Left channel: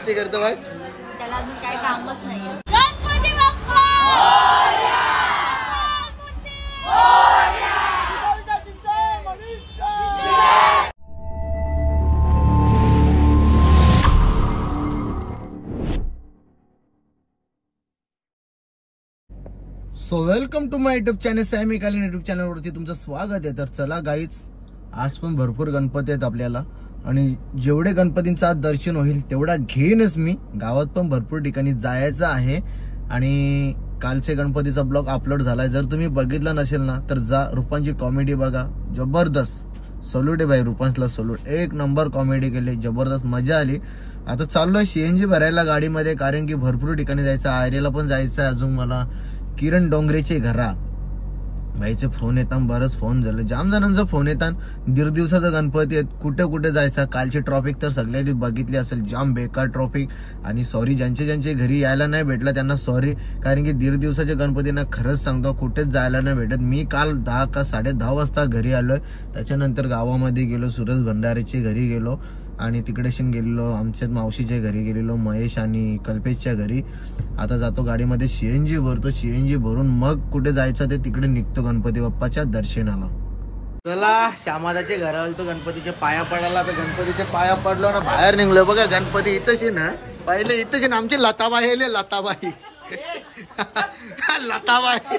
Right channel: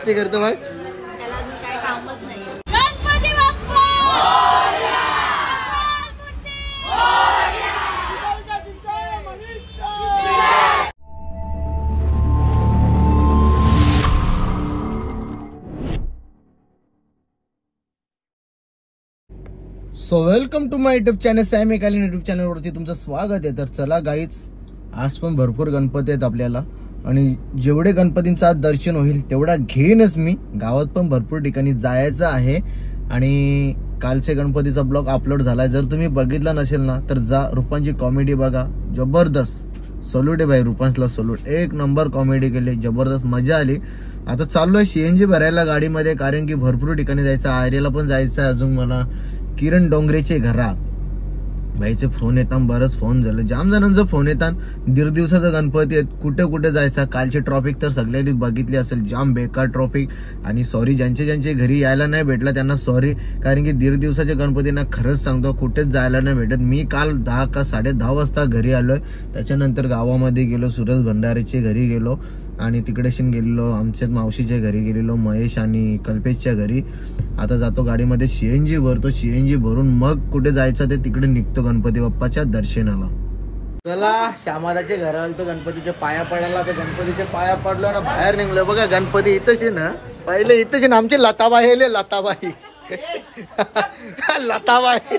मस्ती करतो मग. त्याला अजून काय कामच नाही. So welcome to my YouTube channel सॅमी कालीन युट्यूब चॅनलवरती तुमचं स्वागत आहे. तर चला गाईच, आज पण भरपूर गणपती आहेत आपल्याला आणि जेवढे गणपतींचा दर्शन होईल तेवढा घेईनच मी. गावात पण भरपूर ठिकाणी जायचं आहे आणि कालचे गणपतीचा ब्लॉग अपलोड झालाय. जर तुम्ही बघितला नसेल ना तर जा, रुपांची कॉमेडी बघा, जबरदस्त. सल्यूट आहे भाई, रुपांशला सल्यूट. एक नंबर कॉमेडी केली, जबरदस्त मजा आली. आता चाललोय सीएनजी भरायला गाडीमध्ये, कारण की भरपूर ठिकाणी जायचं. आर्याला पण जायचं आहे अजून मला. किरण डोंगरेचे घरा भाईचे फोन येतात, बरंच फोन झालं, जाम जणांचा फोन येतात. 1.5 दिवसाचा गणपती आहेत, कुठे कुठे जायचा. कालची ट्रॉफिक तर सगळ्यांनी बघितली असेल, जाम बेकार ट्रॉफिक. आणि सॉरी ज्यांचे घरी यायला नाही भेटलं त्यांना सॉरी, कारण की 1.5 दिवसाच्या गणपतींना खरंच सांगतो कुठेच जायला नाही भेटत. मी काल 10 का 10:30 वाजता घरी आलोय. त्याच्यानंतर गावामध्ये गेलो, सूरज भंडारीचे घरी गेलो आणि तिकडे गेलेलो, आमच्या मावशीच्या घरी गेलेलो, महेश आणि कल्पेशच्या घरी. आता जातो गाडीमध्ये, सीएनजी भरतो. सीएनजी भरून मग कुठे जायचं ते तिकडे निघतो गणपती बाप्पाच्या दर्शनाला. चला श्यामादाच्या घरा आलो, गणपतीच्या पाया पडायला. तर गणपतीच्या पाया पडलो ना, बाहेर निघलो. बघा गणपती इथंच आहे ना, पहिले इथंच ना आमची लताबाई. लताबाई लताबाई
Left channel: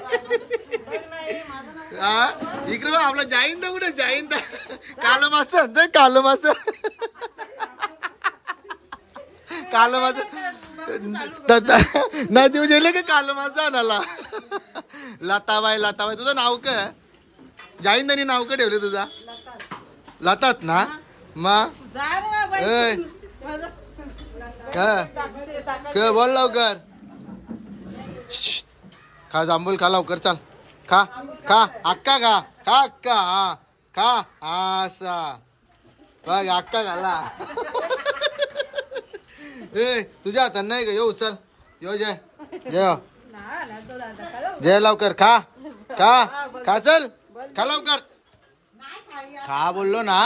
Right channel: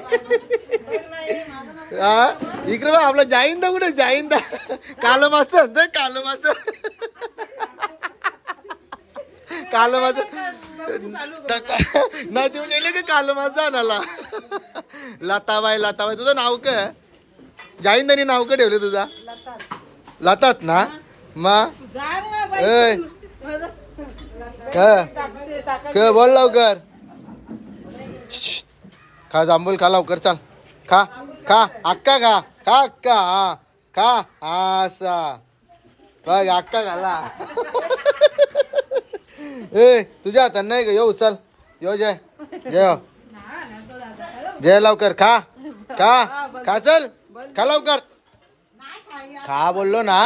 हा इकडे बघ आपला जाईंदा. कुठे जाईंदा? कालमास कालमास कालमास नाही देऊ गेले का कालमास आणाला. लताबाई लताबाई तुझं नाव काय? जाईंदानी नाव का ठेवलं तुझा? लतात ना मग बोल लवकर. खा जांभूल खा लवकर, चाल खा खा. अक्का खा खा अक्का. हा खा असा बघ अक्का खाला. ए तुझ्या हातात नाही का? येऊ चल, यो जय जय जय लवकर खा खा खा. चल खा लवकर, खा बोललो ना,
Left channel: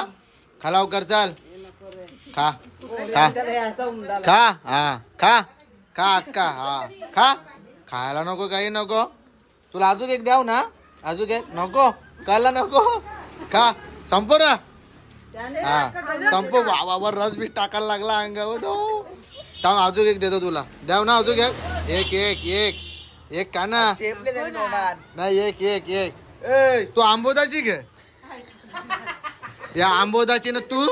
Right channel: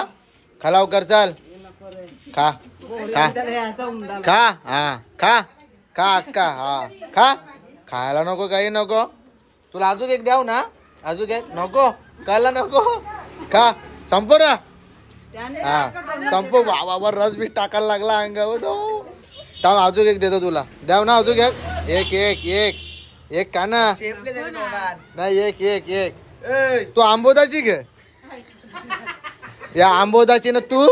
खा लवकर चल. खा खा खा. हा खा खा अक्का. हा खा. खायला नको काही नको. तुला अजून एक द्याव ना? अजून एक नको? खायला नको? खा संपो ना. हा संपो. बाबा रस बी टाकायला लागला अंगावर. थांब अजून एक देतो तुला. द्याव ना अजून एक. एक एक एक एक का ना? नाही एक एक एक. तू आंबोदाची घे, या आंबोदाची ना तू.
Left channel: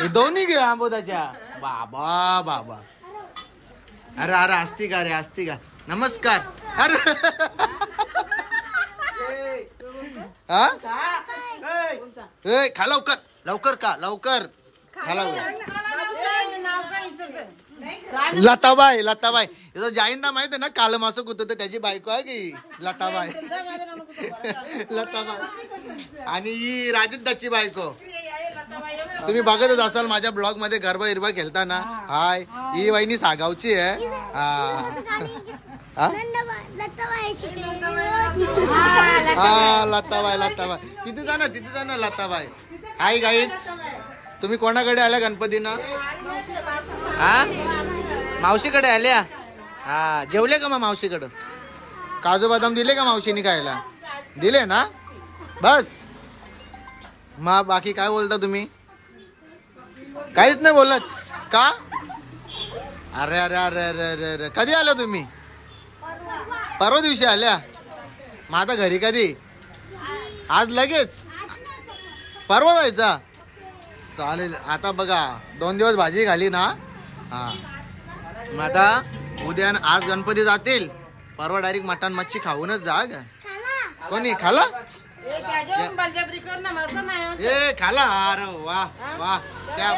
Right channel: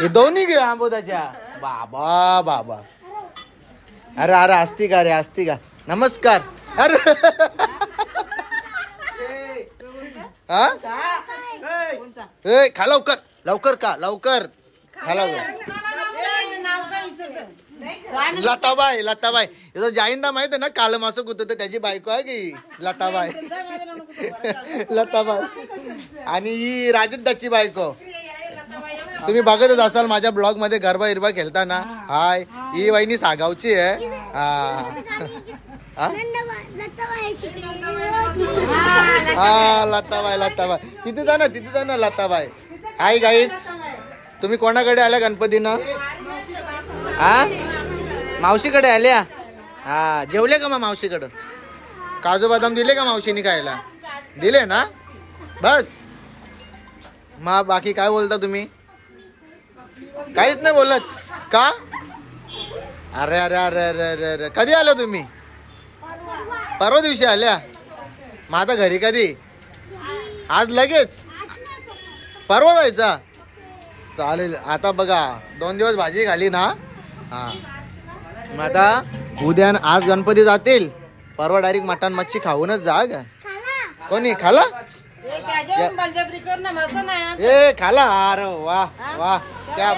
हे दोन्ही घे आंबोदाच्या. बाबा बाबा. अरे अरे असती का रे, असती का? नमस्कार. अरे हा खा लवकर लवकर का लवकर खा लवकर. लताबाई लताबाई जाईंदा माहित आहे ना, काल मासं कुत त्याची बायको आहे की लताबाई. लताबाई आणि ही राजदाची बायको. तुम्ही बघतच असाल माझ्या ब्लॉग मध्ये गरबा हिरबा खेळताना. हाय ही वहिनी सागावची आहे. हा लताबाई लताबाई तिथे जा ना, तिथे जा ना लताबाई. हाय गाईज, तुम्ही कोणाकडे आल्या गणपतींना? हा मावशीकडे आल्या. हा जेवले का मग मावशीकडं? काजू बदाम दिले का मावशीने खायला? दिले ना. बस मग बाकी काय बोलता तुम्ही? काहीच नाही बोलत का? अरे अरे अरे अरे अरे अरे कधी आल्या तुम्ही? परवा दिवशी आल्या. मग आता घरी कधी? आज लगेच? परवा जायचा? चालेल. आता बघा 2 दिवस भाजी खाली ना. हा मग आता उद्या आज गणपती जातील, परवा डायरेक्ट मटण मच्छी खाऊनच जा. का कोणी खाला? ए खाला. अरे वा वा क्या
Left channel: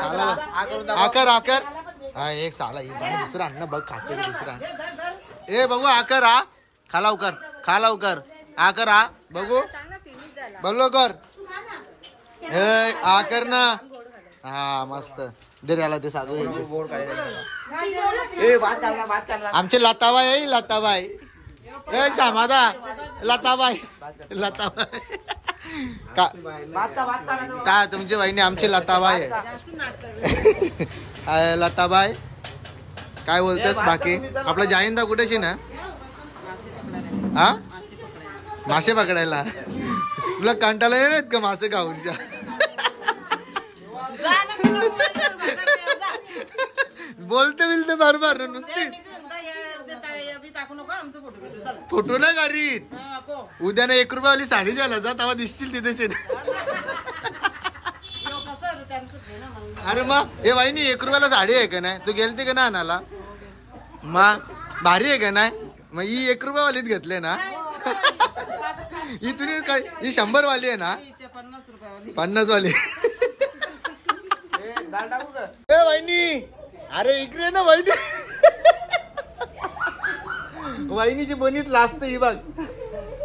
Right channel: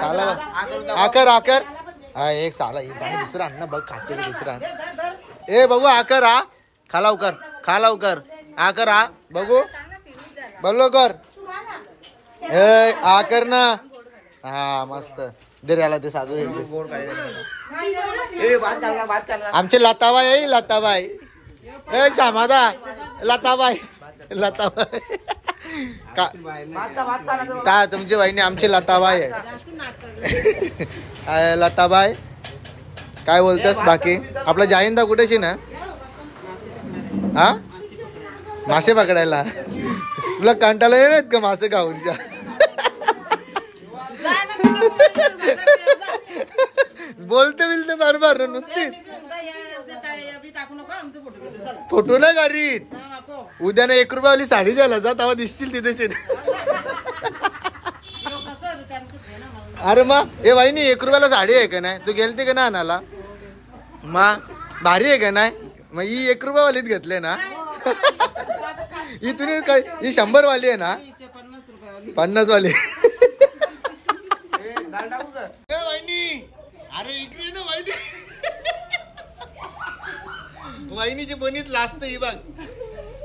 खाला. आकर आकर. हा एक साला दुसरा अन्न बघ खाते दुसरा. ए बघू आकर. हा खा लवकर, खा लवकर. आकर हा बघू बोलो कर. ए आकर ना. हा मस्त. दे याला ते साजू. आमचे लताबाई आहे, लताबाई. ए श्यामादा लताबाई लताबाई का तुमची वहिनी आमची लताबाई आहे. लताबाई काय बोलतेस बाकी? आपला जाईंदा कुठेची ना? हा मासे पकडायला तुला कंटाळा येत का मासे खाऊनच्या? बोलते बिलते बरोबर नुसतीच फोटो नाही करीत. उद्या ना 1 रुपयावाली साडी द्यायला जा तेव्हा दिसतील तिथे. अरे मग हे वहिनी 1 रुपयाला साडी आहे का नाही? तू गेलते का ना आणायला? मग भारी आहे का नाही? मग ही 1 रुपयावालीच घेतले ना? ही तुम्ही काय ही 100 वाली आहे ना? 50 वाली. वहिनी अरे इकडे ना वहिनी. वहिनीची बनीत लास्ट ही बघ.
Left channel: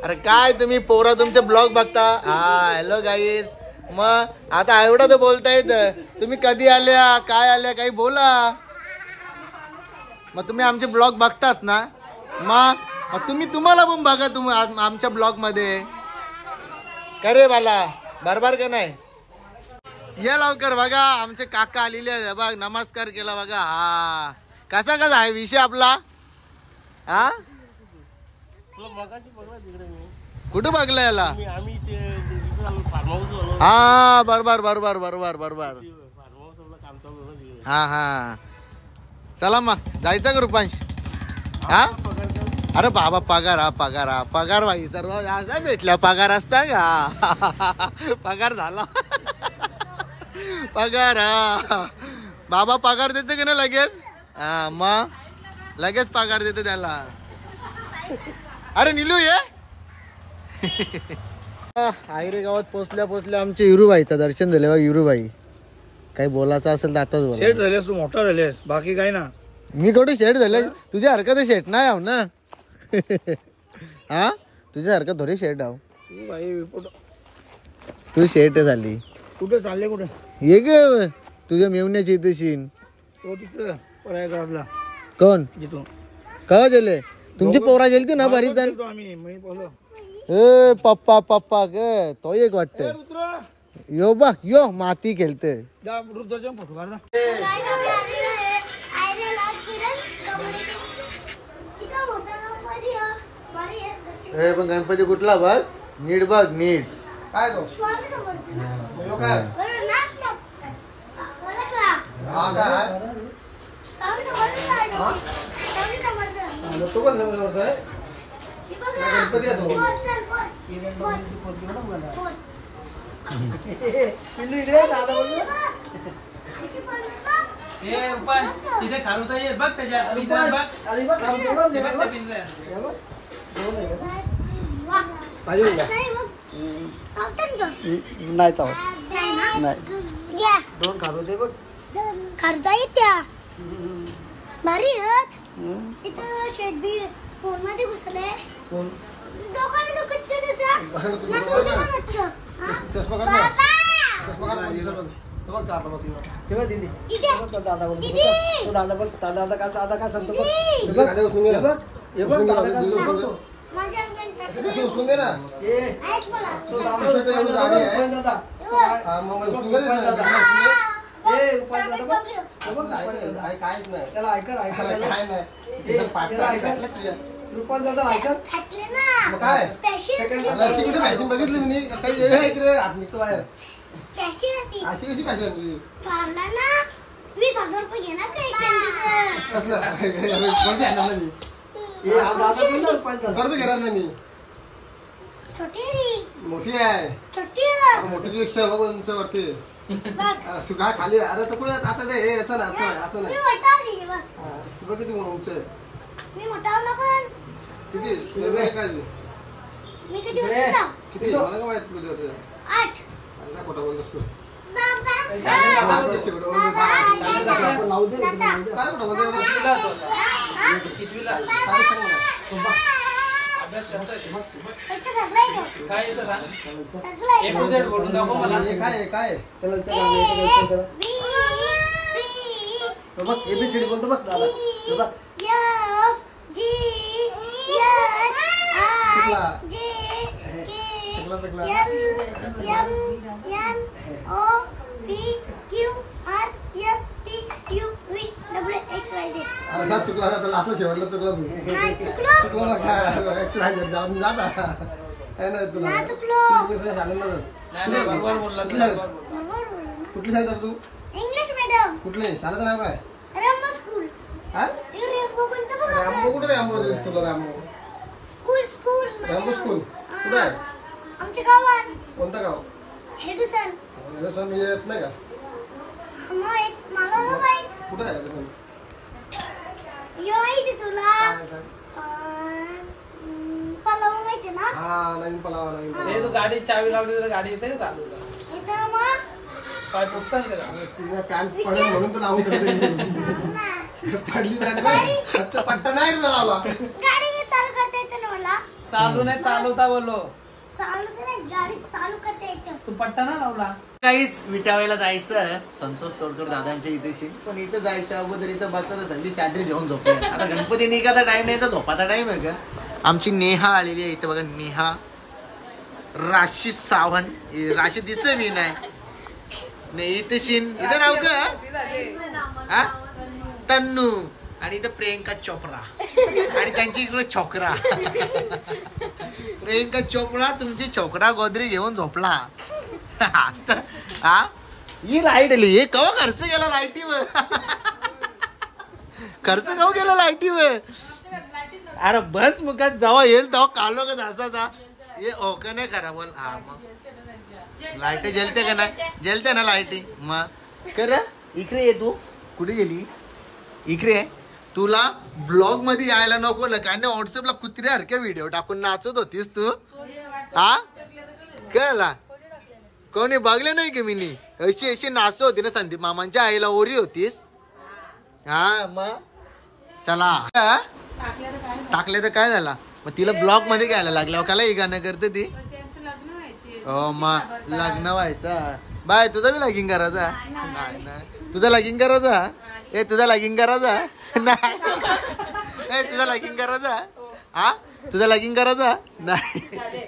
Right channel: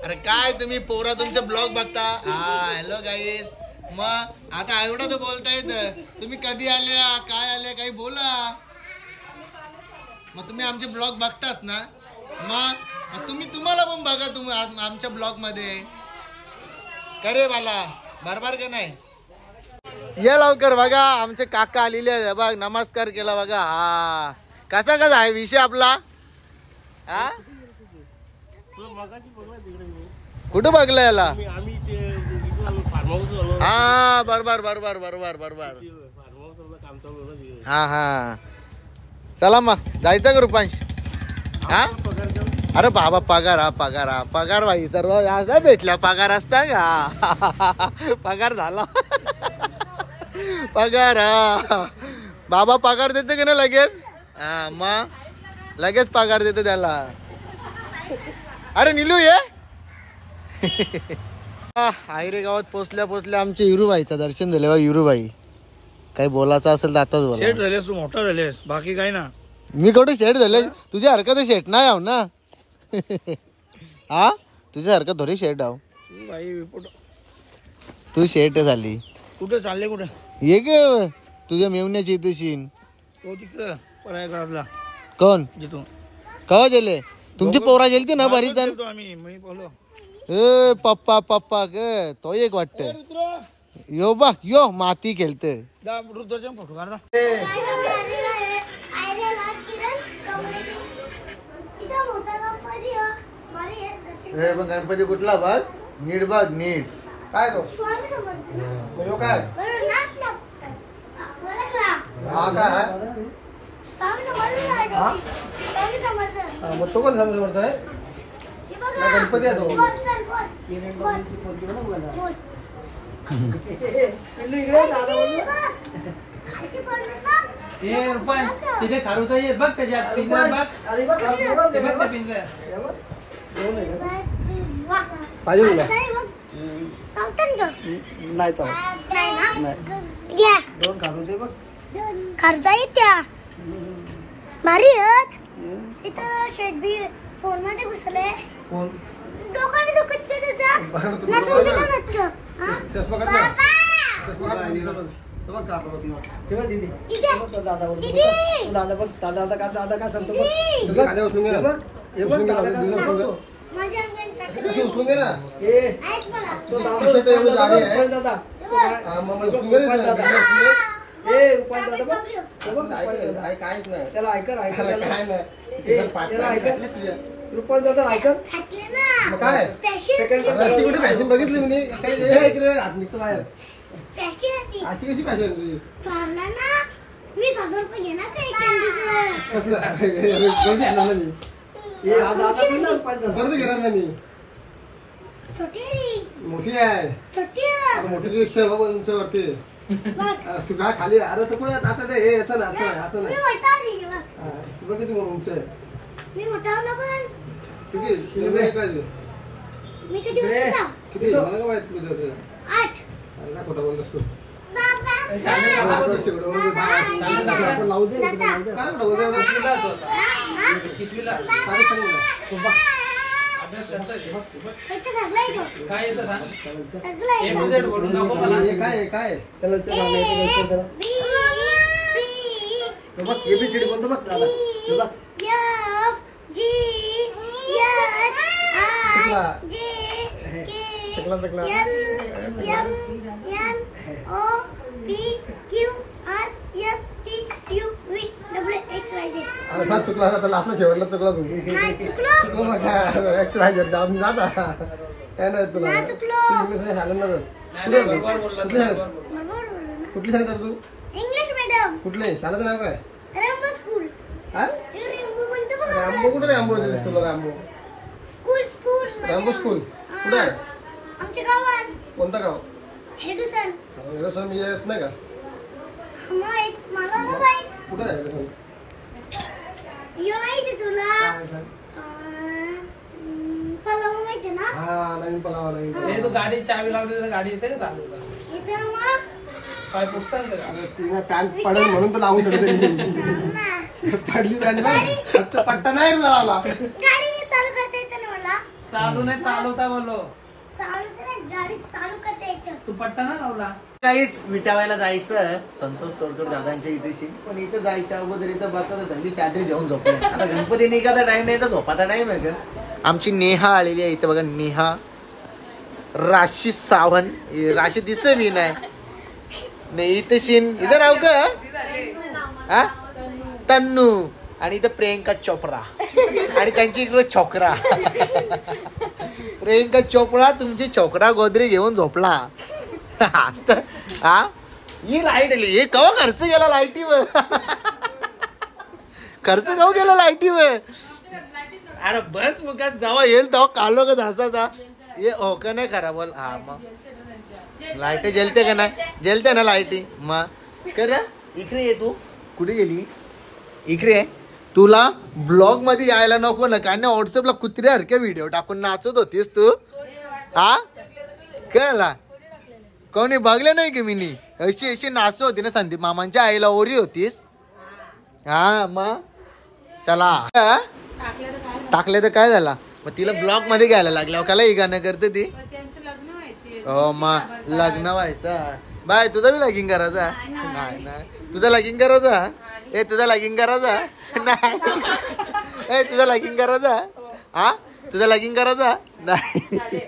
अरे काय तुम्ही पोरा तुमचे ब्लॉग बघता? हा हॅलो गाईज. मग आता एवढा तर बोलतायत तुम्ही कधी आल्या काय आल्या काही बोला. मग तुम्ही आमचे ब्लॉग बघताच ना? मग तुम्हाला पण बघा तुम्ही आमच्या ब्लॉग मध्ये. करे मला बरोबर का नाही? ये लवकर बघा आमचे काका आलेले आहे बघ. नमस्कार केला बघा. हा कसा आहे विषय आपला? हा कुठं बघला याला? हा बरोबर बरोबर बरोबर बरोबर. हा हा चला मग जायचं का रुपांश? हा अरे बाबा पगार पगार भाई सर्व असं भेटला. पगार असता का? पगार झाला. पगार बाबा पगार देते का ना लगेच? हा मग लगेच पगार देते त्याला. अरे निलू ये. आयरे गावात पोचल्या आमचे युरुबाईचं दर्शन झाल्यावर युरुबाई काही बोलायचं असेल तर आताच बोला. शेट झालेस तू मोठा झालेस बाकी काय ना. मी कुठे शेट झाले? तुझ्या हरकत शेट नाही आव ना. हा तुझ्या हरकत थोडी शेट आव. तू शेट झाली. कुठे चालले कुठे? ये ग तुझ्या मेवण्याची इथे शीन. तो तिकडे परायगडला. कोण जिथून कवा गेले? तुमची पोरा गेलती ना बरीच जण. आम्ही ए पप्पा ग तो एक वाटत. यो बा यो माती खेळते. रुद्राचा फोटो काढ. गणपती कुठला बघ नीट बघ नीट. काय तो मग तो पण समजवताय गणपती आहे तो. तिथे खारुता ये बघ त्याच्यात नाही चाव दोन खातो ते बघ. खरता येत्या भारी आहेत. तिथं शेट बी फोन मध्ये घुसले. डोकाने दुखत का त्याचा? माझ्या रुपाल दादा ऐकर काय कुठे फॅशन बघितली मी काही बाहेर अशी कशी फॅशन 20,000 रुपये घेणार सर्व घेणार ना मी. मोठी आहे मोठी रिक्षा बघ तुमच्यावरती काय खाली. अरे तर कुठे आता ते हे असं नाही असं नाही. तुला किती उंच आहे? मी मोठा होणार पण किती काय मी किती वर्षाचा? किती मला काय माहित तुझ्या 8. काय खोटा बोलतोस तू? आपण लावू दे काय खोटा बोलतो? काय त्याला एबीसीडी बोलतो बघ दादा. अरे चुकला लास्टला शेवटला चुकला तू चुकलो मग XYZ जाऊन जाता काय नाही तुला झालं ना कुठली शाळेत तू इंग्लिश मीडियम कुठले शाळेचं नाव काय रॅम्बो स्कूल रॅम्बो कुठे रॅम्बो दिसतो रॅम्बो स्कूल रॅम्बो स्कूल कुठे आहे आमच्या गावात कोणतं गाव हेडुसन येत नाही का कुठे आहे तुला पलाव माहिती ना हा नवीन पलाव नवीन तू गाडी चावी लावली गाडी येते का काय पुस्तक तिने पॅन्ट पडेल म्हणून तर लावून पट्टा नाही लावला गाडी चालू करता येते ना मला चालू नाही चालवता बोललो गाडी चालू करता येते तू पट्टा ना लावला काहीच विटावायला जायचं संतोष तोडकर दादांच्या इथे पण इथं जायच्या अगोदर इथं बघतात सगळी चादरी घेऊन झोपल्या आता गणपती निघाचा टाइम नाही तर झोपाचा टाइम आहे का आमची नेहा आलेली आहे इथं बघा नेहा राशी सावंत राशी दिसे मी नाही इथं शिन इथं नाव का तन्नू आणि इथं प्रियंका चोप्रा आणि त्यांची इकडे छोकरा प्रियंका चोप्रा तुमची छोकरा गोदरी घेऊन झोपला हा ही लाईट आली हे कवा खर्च गेला लाईटीवर खर्च कवा गेला लाईटीवर अरे बस मुखात जेव्हा येईल तेव्हा कालो का धासाचा हे ओके नाही करा बोल हा मग लाईट जलते का नाही जलते ना लाईटी मग कर इकडे ये तू कुठे गेली इकडे तुला ब्लॉग मध्ये यायला नको ना कारण व्हॉट्सअपला कुत्र्यासारख्या व्हिडिओ टाकून नाचत होतीस तू हा कळला कोणी बघले नाही की मी अशी अशी नाचत होती ना संदीप मामांच्या आईला ओरी होतीस हा मग चला टाकले तर काय झाला मग तिला ब्लॉग मध्ये घ्यायला लागल्या काला ही गाणं करते ती हो मग लग्न व्हायचं बाय तुझं बी लगिंग करायचा नाही नाही तुझं लगिंग करायचा ए तुझा लगिंग करायचा नाही ए तुझा लगिंग करायचा हा तुझा लगिंग करायचा नाही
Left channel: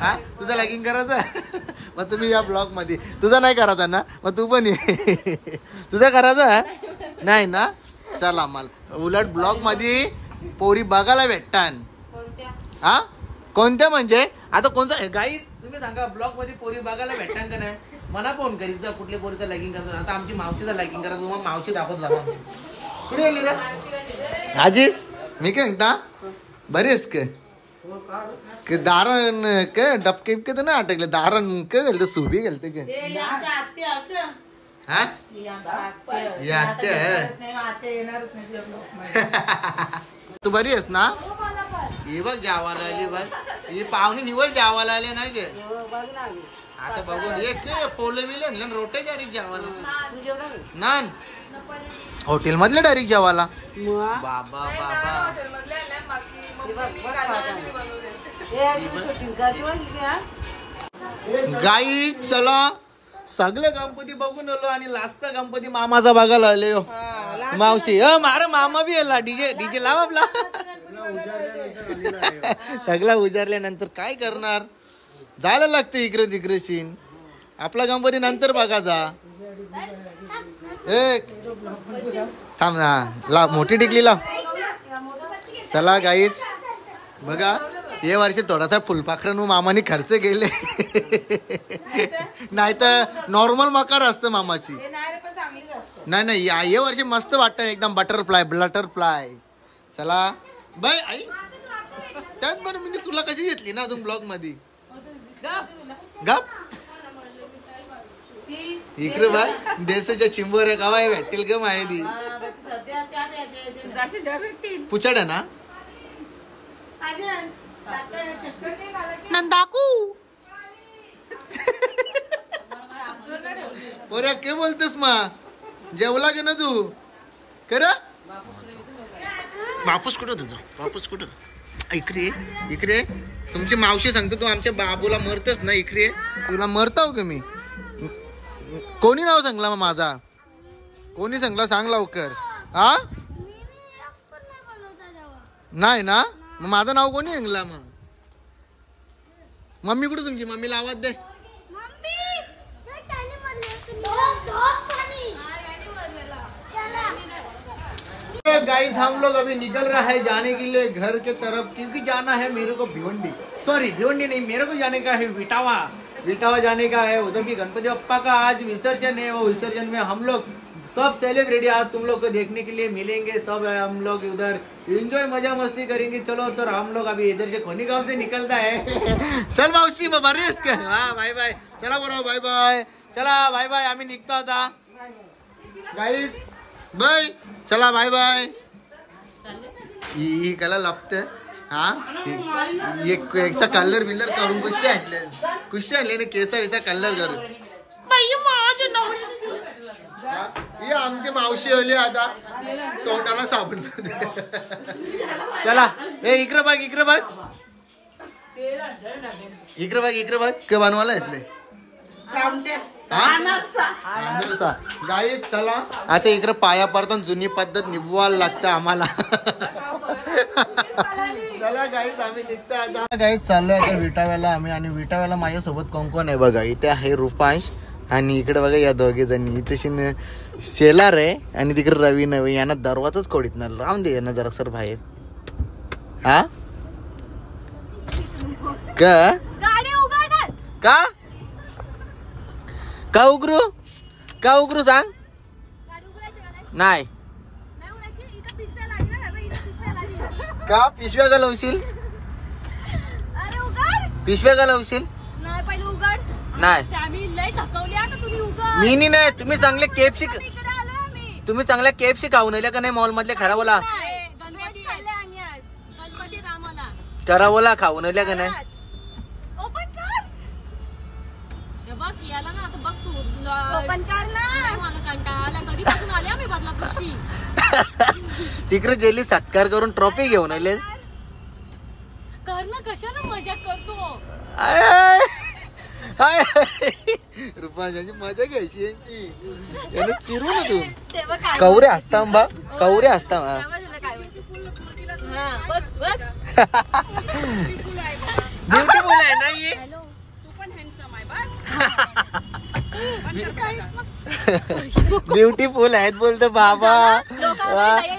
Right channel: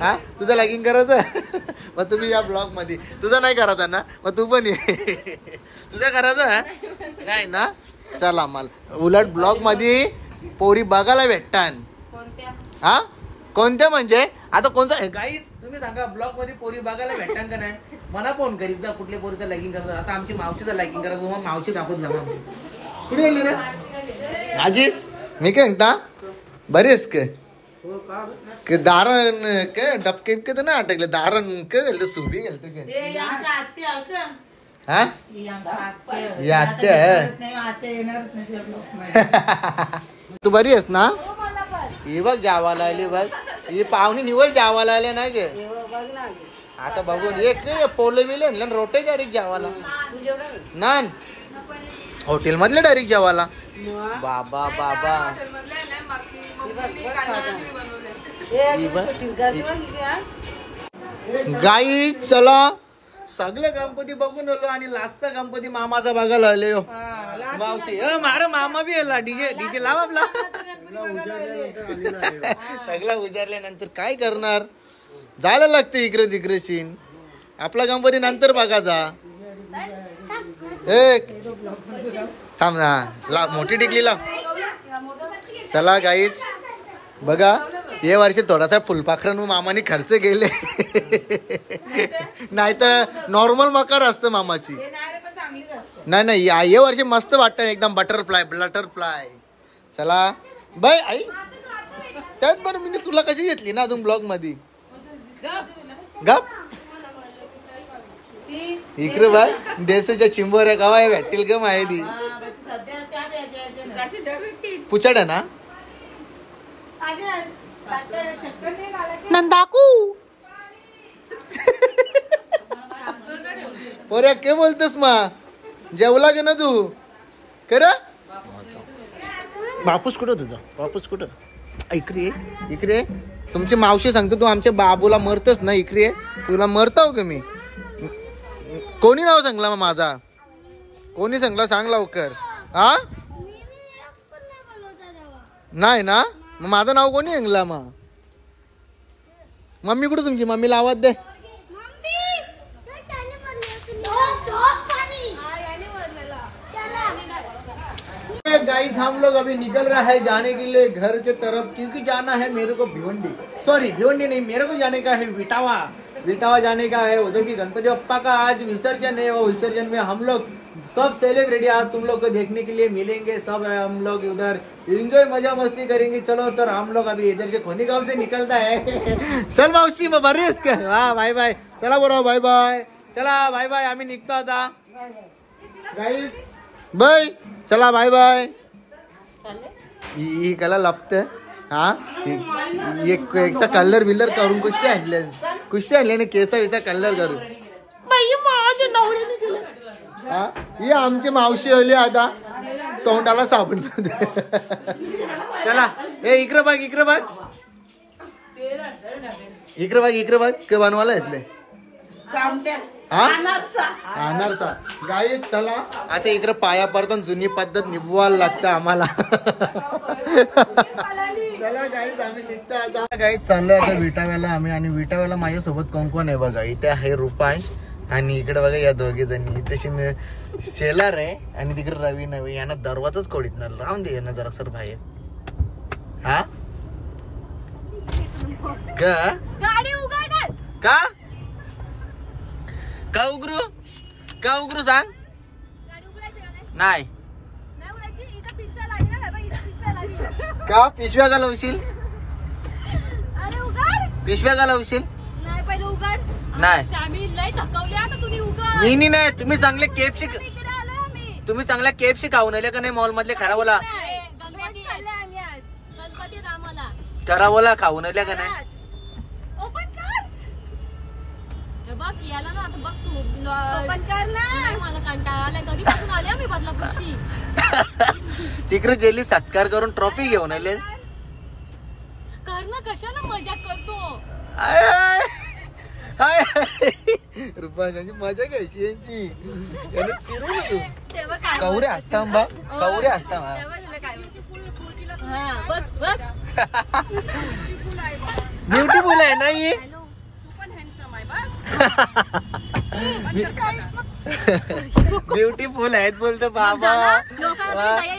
हा तुझं लगिंग करायचं मग तुम्ही या ब्लॉग मध्ये तुझं नाही करायचा ना मग तू पण ये तुझं करायचं नाही ना चला मला उलट ब्लॉग मध्ये पोरी बघायला भेटतान हा कोणत्या म्हणजे आता कोणता गाईस तुम्ही सांगा ब्लॉग मध्ये पोरी बघायला भेटतान का नाही मला फोन करीत जा कुठल्या पोरीचं लायकिंग करायचं आता आमची मावशीचं लायकिंग करायचं मग मावशी दाखवत जा कुठे गेली ना आजीस मी काय म्हणता बरेच के दारण के डबके के तर नाही अटकले दारण के गेलं सुबी गेलते के हा तू बरी आहेस ना ही बघ जावाला आली बघ ही पाहुणी निवड जावाला आले नाही गे आता बघून एक पोले बिले रोटे डायरेक्ट जेवायला नान हॉटेल मधले डायरेक्ट जेवायला बाबा बाबा गाई चला सगळे गणपती बघून आलो आणि लास्टचा गणपती मामाचा बघायला आले मावशी मारा मामा बी आला डीजे डीजे लाव आपला सगळा उजारल्यानंतर काय करणार जायला लागते इकडे तिकडे सीन आपला गणपती नंतर बघायचा थांब ना ला मोठी टिकली लाव चला गाईच बघा हे वर्षी थोडासा फुलपाखरण मामानी खर्च केले नाही तर नॉर्मल मकार असतं मामाची नाही नाही हे वर्षी मस्त वाटत एकदम बटरफ्लाय चला बाय आई त्यात बरं मी तुला कशी घेतली ना अजून ब्लॉग मध्ये गप इकडे बाय देशाच्या चिंबोऱ्या गावा भेटतील का माहिती पुचाड ना नंदाकू पोऱ्या के बोलतेस मा जेवला गे ना तू कर बापूस कुठं तुझा बापूस कुठं इकडे तुमची मावशी सांगतो तू आमच्या बाबूला मरतस ना इकडे तुला मरताव का मी कोणी नाव सांगला माझा कोणी सांगला सांग लवकर हा नाही ना मग माझं नाव कोणी सांगला मग मम्मी कुठे तुमची? मम्मीला आवाज दे. गाइस हम लोग अभी निकल रहा है जाने के लिए घर के तरफ, क्योंकि जाना है मेरे को भिवंडी. सॉरी भिवंडी नहीं, मेरे को जाने का है विटावा. विटावा जाने का है. उधर भी गणपति बप्पा का आज विसर्जन है. वो विसर्जन में हम लोग सब सेलिब्रिटी आज तुम लोग को देखने के लिए मिलेंगे. सब हम लोग उधर एंजॉय मजा मस्ती करेंगे. चलो तो हम लोग अभी इधर से खोनी गांव से निकलता है. चल मावशी मग बरी आहेस का? हा बाय बाय. चला बरोबर बाय बाय. चला बाय बाय. आम्ही निघतो आता गाईज. बाय. चला बाय बाय. ही कला लपते. हा एकसा कलर बिलर करून कुशे आणले ना केसा विसा कलर करून. ही आमची मावशी आली आता तोंडाला साबण. चला ए इकडे बघ इकडे बघ इकडे बघ इकडे बघ के बनवायला येतले अनारसा. गाई चला आता इकडे पाया पडताना जुनी पद्धत निभवायला लागतं आम्हाला. चला गाईज आम्ही निघतो आता. गाईज चाललोय आता विटाव्याला आम्ही. आणि विटाव्याला माझ्यासोबत कोण आहे बघा. इथे आहे रुपांश आणि इकडे बघा या दोघे जणी. इथे शेलार आहे आणि तिकडे रवी नवे. यांना दरवाजाच कोडीत नाही. राहून दे यांना जरा सर बाहेर. हा का का उघरू का उघरू सांग. नाही का पिशव्या का लावशील. पिशव्या का लावशील. नाही मी नाही. तुम्ही चांगले केपशी खाऊन आले का नाही मॉल मधले. खरा बोला करा बोला खाऊन आले का नाही. तिकडे गेली सत्कार करून ट्रॉफी घेऊन आले. कशाला मजा करतो. रुपांची मजा घ्यायची यांची. याला चिरू ना तू. कवरे असता बा कवरे असता. ब्युटिफुल आहे नाही. ब्युटिफुल आहेत बोलते बाबा.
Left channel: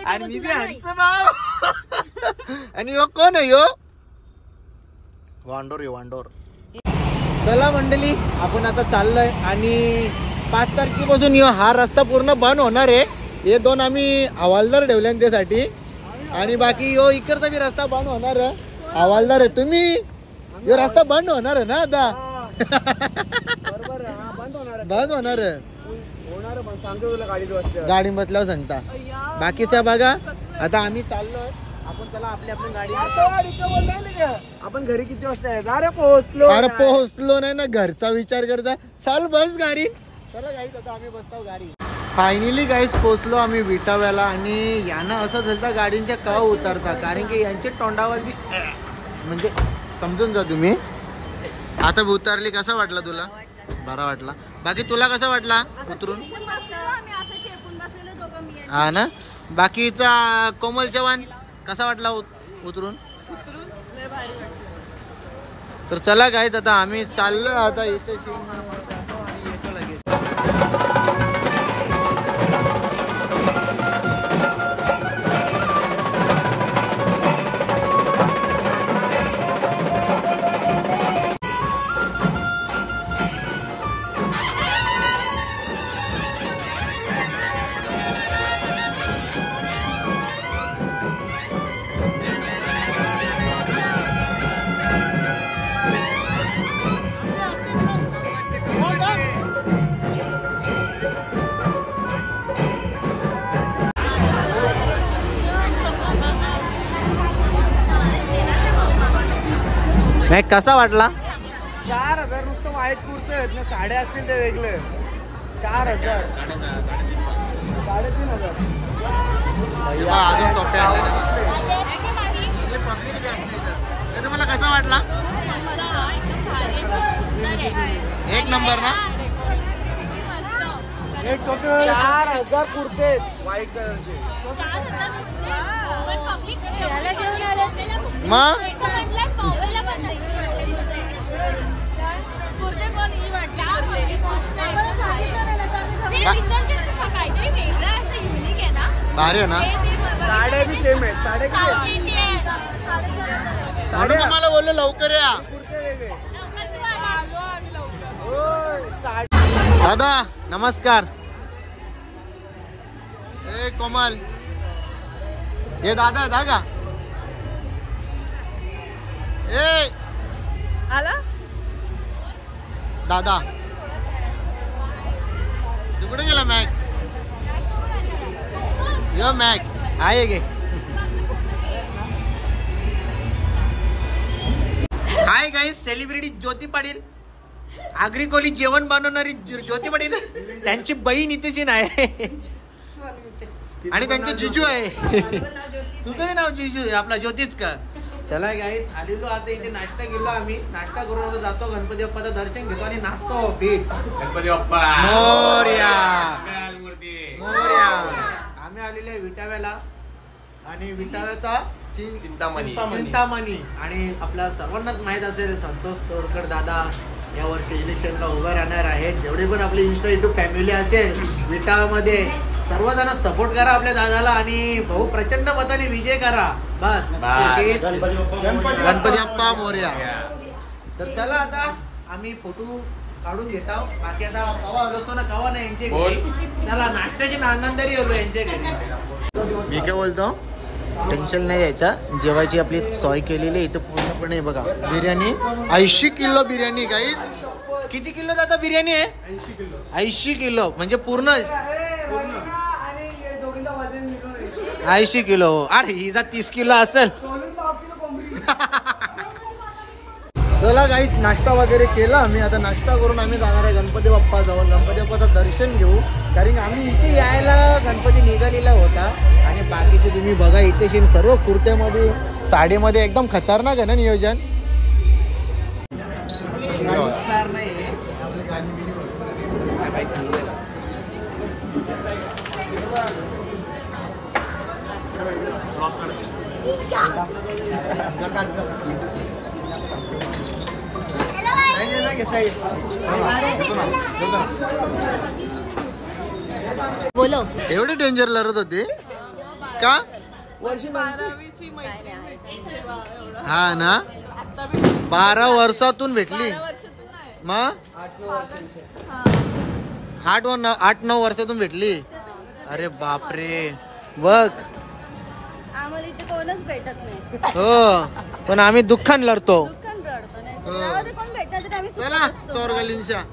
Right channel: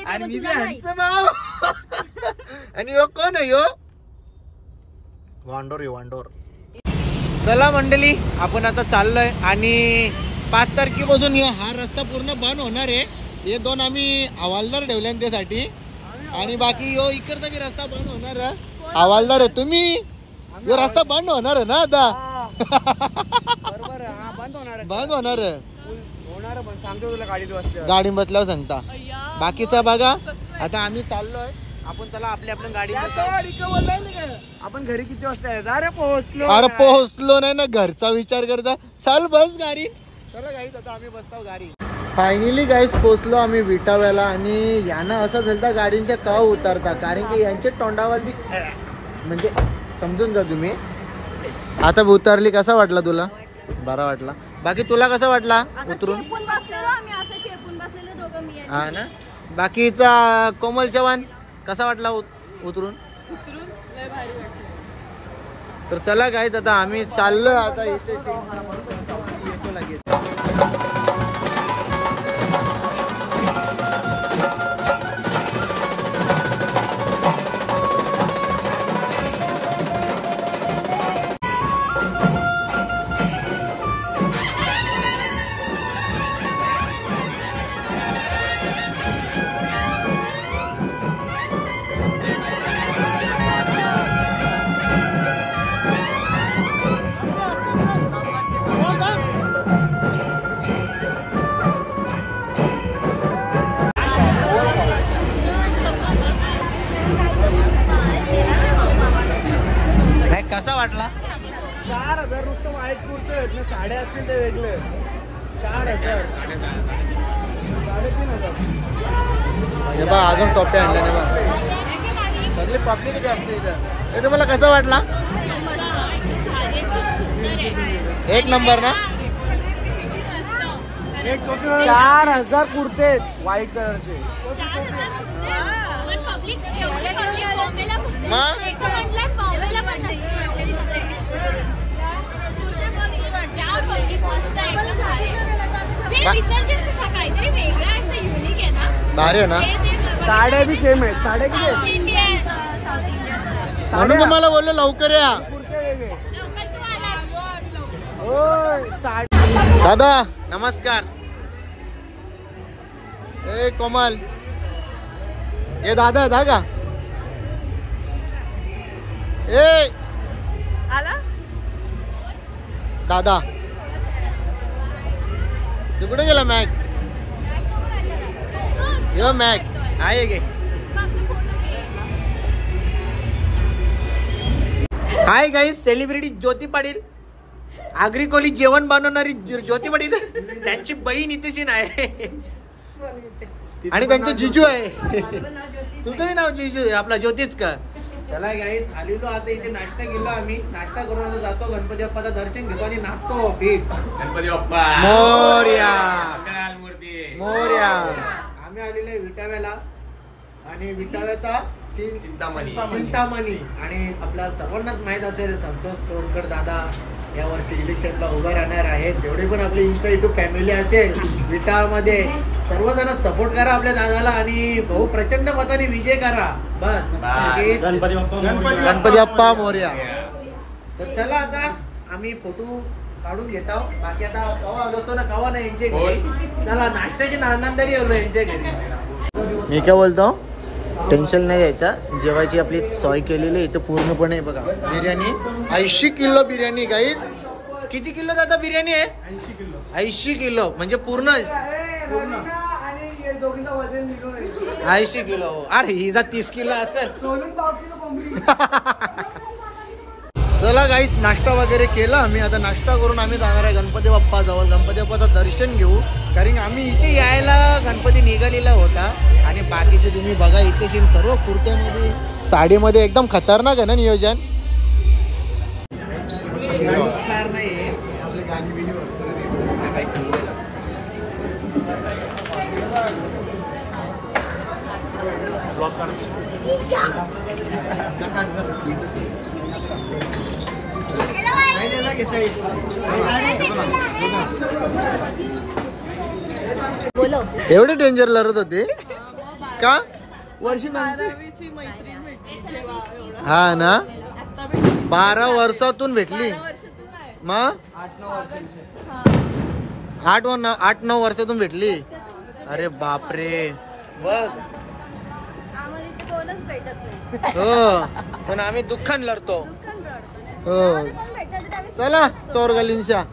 आणि मी बी हँडसम आहो. आणि यो कोण आहे यो. वांडोर वांडोर. चला मंडळी आपण आता चाललोय. आणि 5 तारखेपासून हा रस्ता पूर्ण बंद होणार आहे. हे 2 आम्ही हवालदार ठेवले त्यासाठी. आणि बाकी यो इकडचा बी रस्ता बंद होणार. हवालदार आहे तुम्ही. यो रस्ता बंद होणार आहे ना आता. बंद होणार गाडी बसल्यावर सांगता. बाकीचा बघा आता आम्ही चाललोय. आपण चला आपल्या गाडी. आपण घरी किती वाजता आहे. अरे पोहोचलो. अरे पोहोचलो नाही ना. घरचा विचार करता. चल बस गाडी. चला गाईस आता आम्ही बसतो गाडी. फायनली गाईस पोहोचलो आम्ही विटाव्याला. आणि यांना असं झालं गाडींच्या का उतरता. कारण की यांचे तोंडावरती म्हणजे समजून जा तुम्ही. आता उतरली. कसा वाटला तुला. बरा वाटला. बाकी तुला कसा वाटला उतरून. हा ना. बाकीचा कोमल चव्हाण कसा वाटला उतरून. तर चला गाईस आता आम्ही चाललोय. आता येते येतो लगेच. कसा वाटला. 4000 नुसतं वाईट कुर्ते आहेत ना. साडे असतील ते वेगळे. 4000 3,500. अजून टोप्या आणल्या नाही बा. सगळे पब्लिक जास्त इथं. हे तुम्हाला कसा वाटला. एक नंबर ना. 4000 कुर्ते आहेत व्हाईट कलरचे. मग काहीतरी वेगळं असं युनिक आहे ना. भारी आहे ना. साड्या बी सेम आहेत. साड्या साऊथ इंडियन. South Indian. म्हणून तुम्हाला बोललो लवकर या. लवकर तू आलास. दादा नमस्कार. ए कोमल ये दादा आहेत का? ए आला दादा तू कुठे गेला? मॅक यो मॅक आहे गे. Hi guys, celebrity Jyoti Patil, Agri कोली जेवण बनवणारी ज्योती पाटील, त्यांची बहीण इथेच आहे आणि त्यांचं जिजू आहे. तुझंही नाव जिजू आहे आपला ज्योतीच का? चला गाईस आलेलो आता इथे नाश्ता केलो आम्ही. नाश्ता करून आता जातो गणपती बाप्पाचं दर्शन घेतो आणि नाचतो. पीठ गणपती बाप्पा मोरया मूर्ती मोरया. आम्ही आलेले विटाव्याला आणि विटाव्याचा चिंतामणी आणि आपला सर्वांनाच माहित असेल संतोष तोडकर दादा या वर्षी इलेक्शनला उभे राहणार आहेत. जेवढे पण आपले इंस्टा युट्यूब फॅमिली असेल विटामध्ये सर्वजण सपोर्ट करा आपल्या दादाला आणि भाऊ प्रचंड मताने विजय करा. बस गणपती बाप्पा मोरया. तर चला आता आम्ही फोटो काढून घेत आहोत. बाकी आता कवा आलो असतो ना कवा नाही यांच्या घरी. चला नाश्त्याची नांदारी आलो यांच्या घरी. मी काय बोलतो टेन्शन नाही घ्यायचा. जेवायची आपली सोय केलेली आहे इथं पूर्णपणे. बघा बिर्याणी 80 किलो बिर्याणी. काही किती किलो जाता बिर्याणी आहे? 80 किलो म्हणजे पूर्ण 80 किलो. अरे हिचा 30 किलो असेल. चला गाईस नाश्ता वगैरे केला आम्ही. आता नाश्ता करून आम्ही जाणार आहे गणपती बाप्पा जवळ. गणपती बाप्पाचं दर्शन घेऊ कारण आम्ही इथे यायला गणपती निघालेला होता. आणि बाकीचे तुम्ही बघा इथे सर्व कुर्त्यामध्ये साडीमध्ये एकदम खतरनाक आहे ना नियोजन. बोलो एवढे डेंजर लढत होते का? वर्षी 12वीची मैत्रीण भेटली तेव्हा एवढा. हा ना. आता भेटली 12 वर्षातून भेटली. 12 वर्षातून नाही. मग हा 8-9 वर्षातून भेटली. अरे बापरे. बघ आम्हाला इथे कोणच भेटत नाही. हो पण आम्ही दुःखान लढतो. दुकान रडतो नाही. हो आधी कोण भेटलं तर आम्ही चला चोर गलींच्या.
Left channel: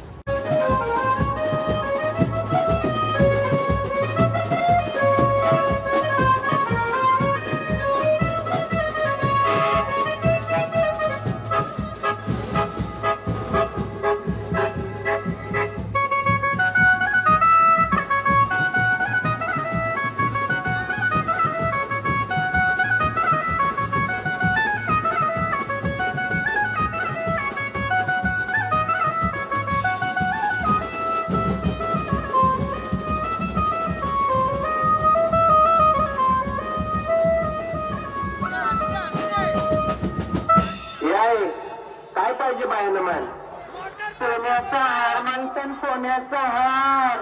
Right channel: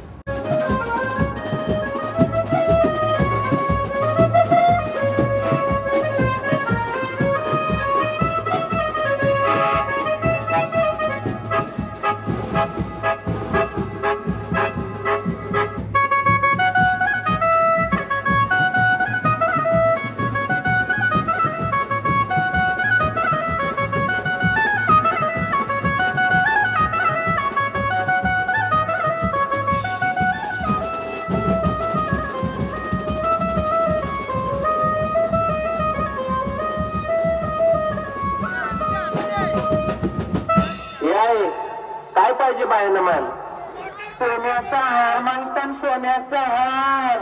काय पाहिजे बाईनं मान? सोन्याचा हार मागतात, सोन्याचा हार.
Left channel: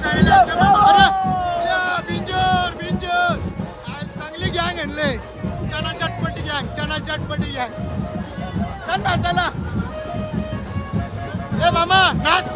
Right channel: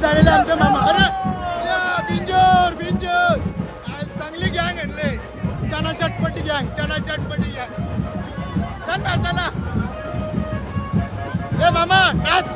झालेले आमच्या मामा. अरे बिंजर बिंजर चांगली गँग आणले. चना चटपटी गँग, चना चटपटी गँग. चला चला ए मामा नाच.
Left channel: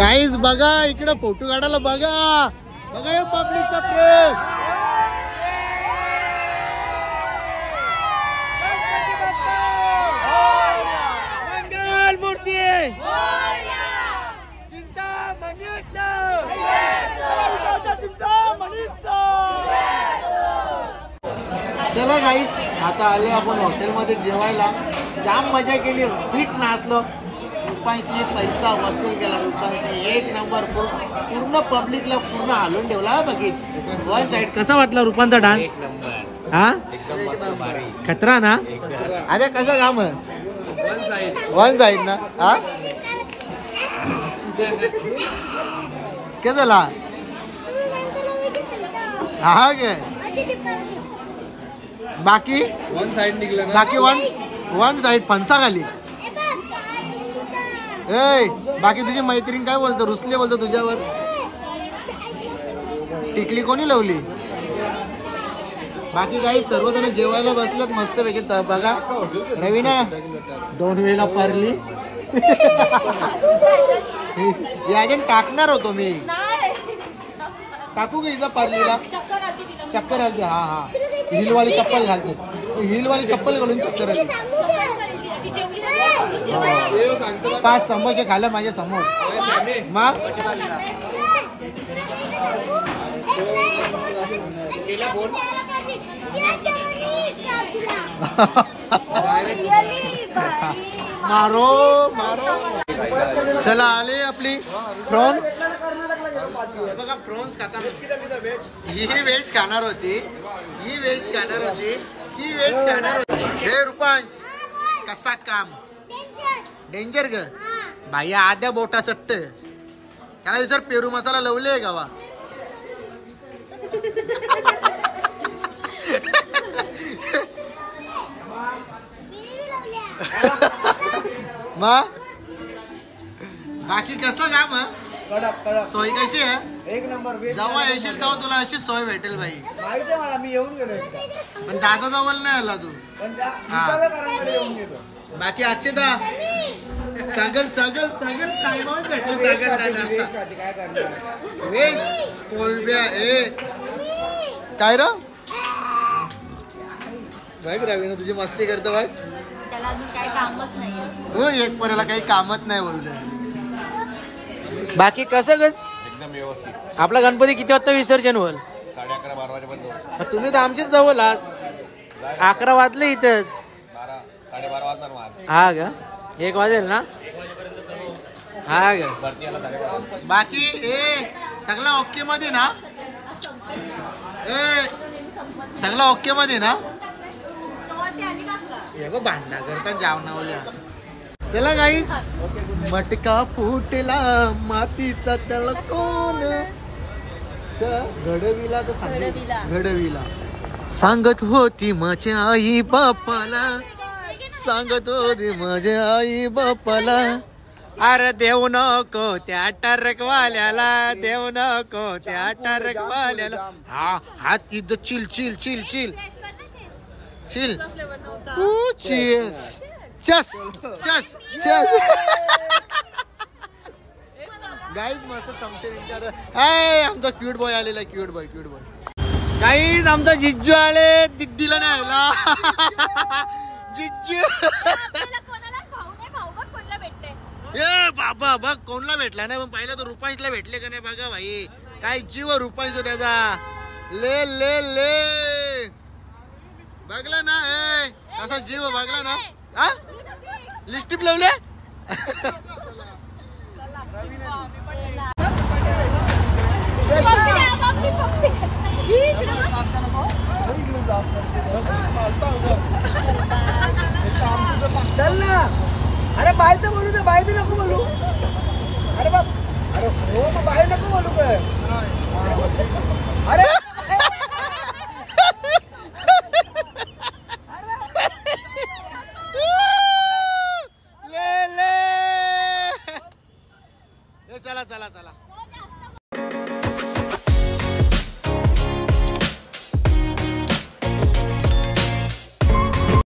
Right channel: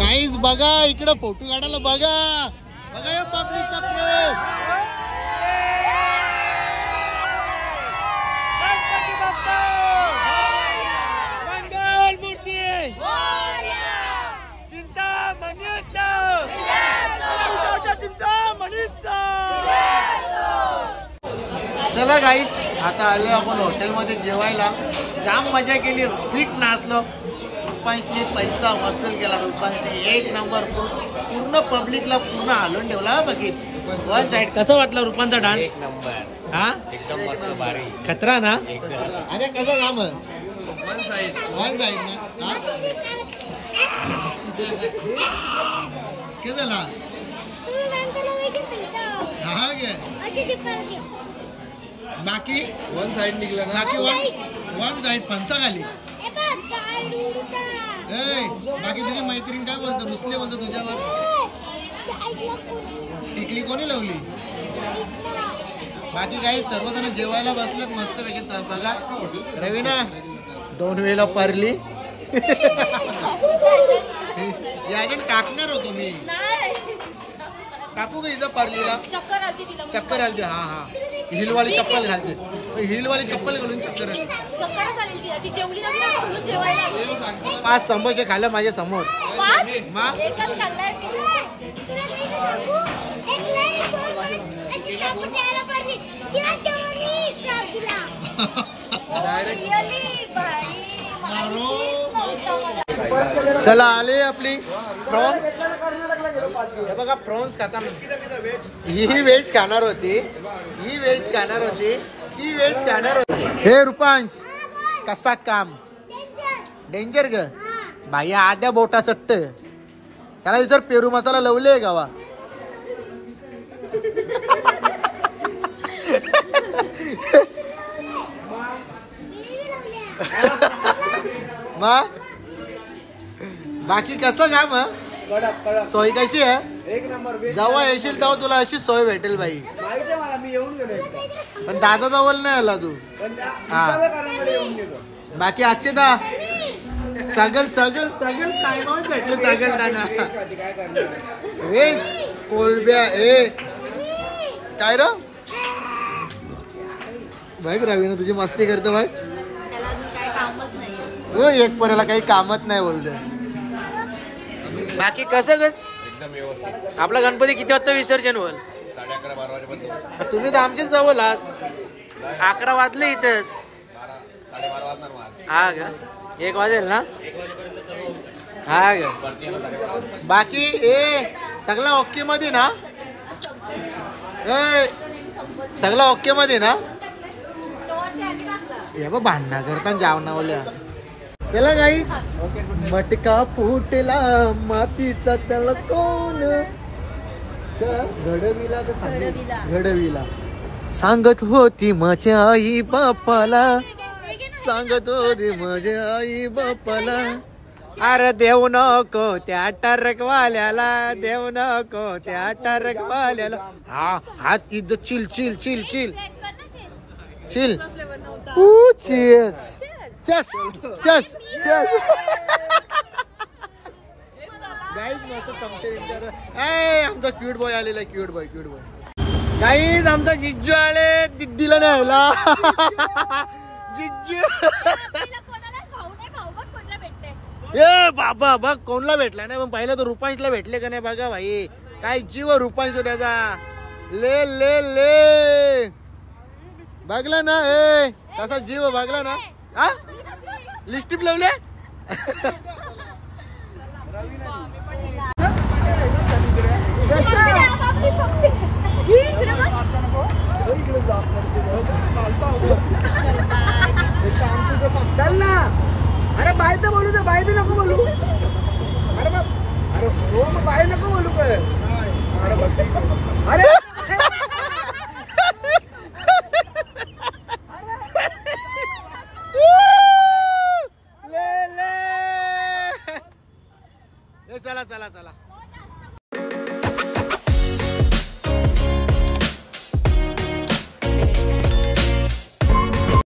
गाईज बघा इकडे फोटो काढायला बघा बघा पब्लिकचा प्रेम. मंगल मूर्ती चला गाईस आता आलो आपण हॉटेलमध्ये जेवायला. जाम मजा केली, फिट नाचलो. रुपांशने पैसा वसूल केला. रुपांशने एक नंबर पूर्ण पब्लिकला पूर्ण हालून ठेवला. बाकी वन साइड. कसा वाटला रुपांचा डान्स? एक नंबर. हा एकदम खतरा ना. अरे कसं काम वन साइड ना. हा काय झाला? हा गे बाकी वन साइड निघला. बाकी वन साइड फणसा खाली. ए बाकी तुझी मैत्रीण काय बोलतो? रुसले बोलतो तुझ्यावर. टिकली कोणी लावली? बाकी काही सर्वजण जेवायला बसल्यात मस्त पैकी. बघा रवीना 2 वेळेला पारली. अजून टाकणार होतो मी. टाकू का इथं पारलीला? चक्कर आलते. हा हा हिलवाली चप्पल घालते. हिलवाली चप्पल घालून चक्कर आली. 5 समोसे खाल्ले माझ्या समोर. मग मारो मारो. चला आले आपली प्रॉन्स. बघा प्रॉन्स खाताना ही व्हेज खाणार होती. ही व्हेज खाणार होती. ही व्हेज खाणार होती. हे रुपांश कसा काम? डेंजर ग भाई. आद्या बोटा चट्ट. त्याला विचार पेरू मसाला लावले गावा. मग बाकी कसं काम? सोय कशी आहे? एक नंबर. जेव्हा येशील तेव्हा तुला अशी सोय भेटेल बाई. माहिती मला, मी येऊन गेलो. पण दादा जवळ नाही आला तू. हा बाकी अक्षता सगळं टायमावर भेटले. कोलब्या ए काय रे बाईक रावी तुझी मस्ती करतो बाई त्याला अजून काही कामच नाही. एक पोराला काही कामच नाही बोलतोय. बाकी कसं गच एकदम व्यवस्थित. आपला गणपती किती वाजता विसर्जन होईल? 11:30-12 वाजेपर्यंत. तुम्ही तर आमचीच जवळ आज 11 वाजले इथं. 12:30 वाजणार मला. हा का 1 वाजेल ना? हा का बाकी सगळा ओके मध्ये ना? सगळा ओके मध्ये ना? भांडणा करता जावनावल्या. चला गाईस मटका फुटला मातीचा त्याला कोण घडविला का घडविला सांगत होती माझ्या आई बापाला सांगत होती माझ्या आई बापाला अरे देऊ नको त्या टरकवाल्याला देऊ नको त्या टरकवाल्याला हा हात इथं chill chill chill chill chill चीज चस चस चस गाईज मस्त चमचे आमचा क्यूट बॉय आलेला क्यूट बॉय गाईज आमचा जिज्जू आले दिदीला न्यायला जिज्जू ए बाबा बघ कोणला भेटला नाही पण पहिला तो रुपांशला भेटले का नाही बघा भाई काय जीव रुपांश त्याचा ले ले ले बघला ना कसा जीव बघला ना हा लिस्टिप लावले चल ना अरे बाय तर बोलू दे बाय बी नको बोलू अरे बाप अरे हो मग बाय नको बोलू काय अरे चला चला चला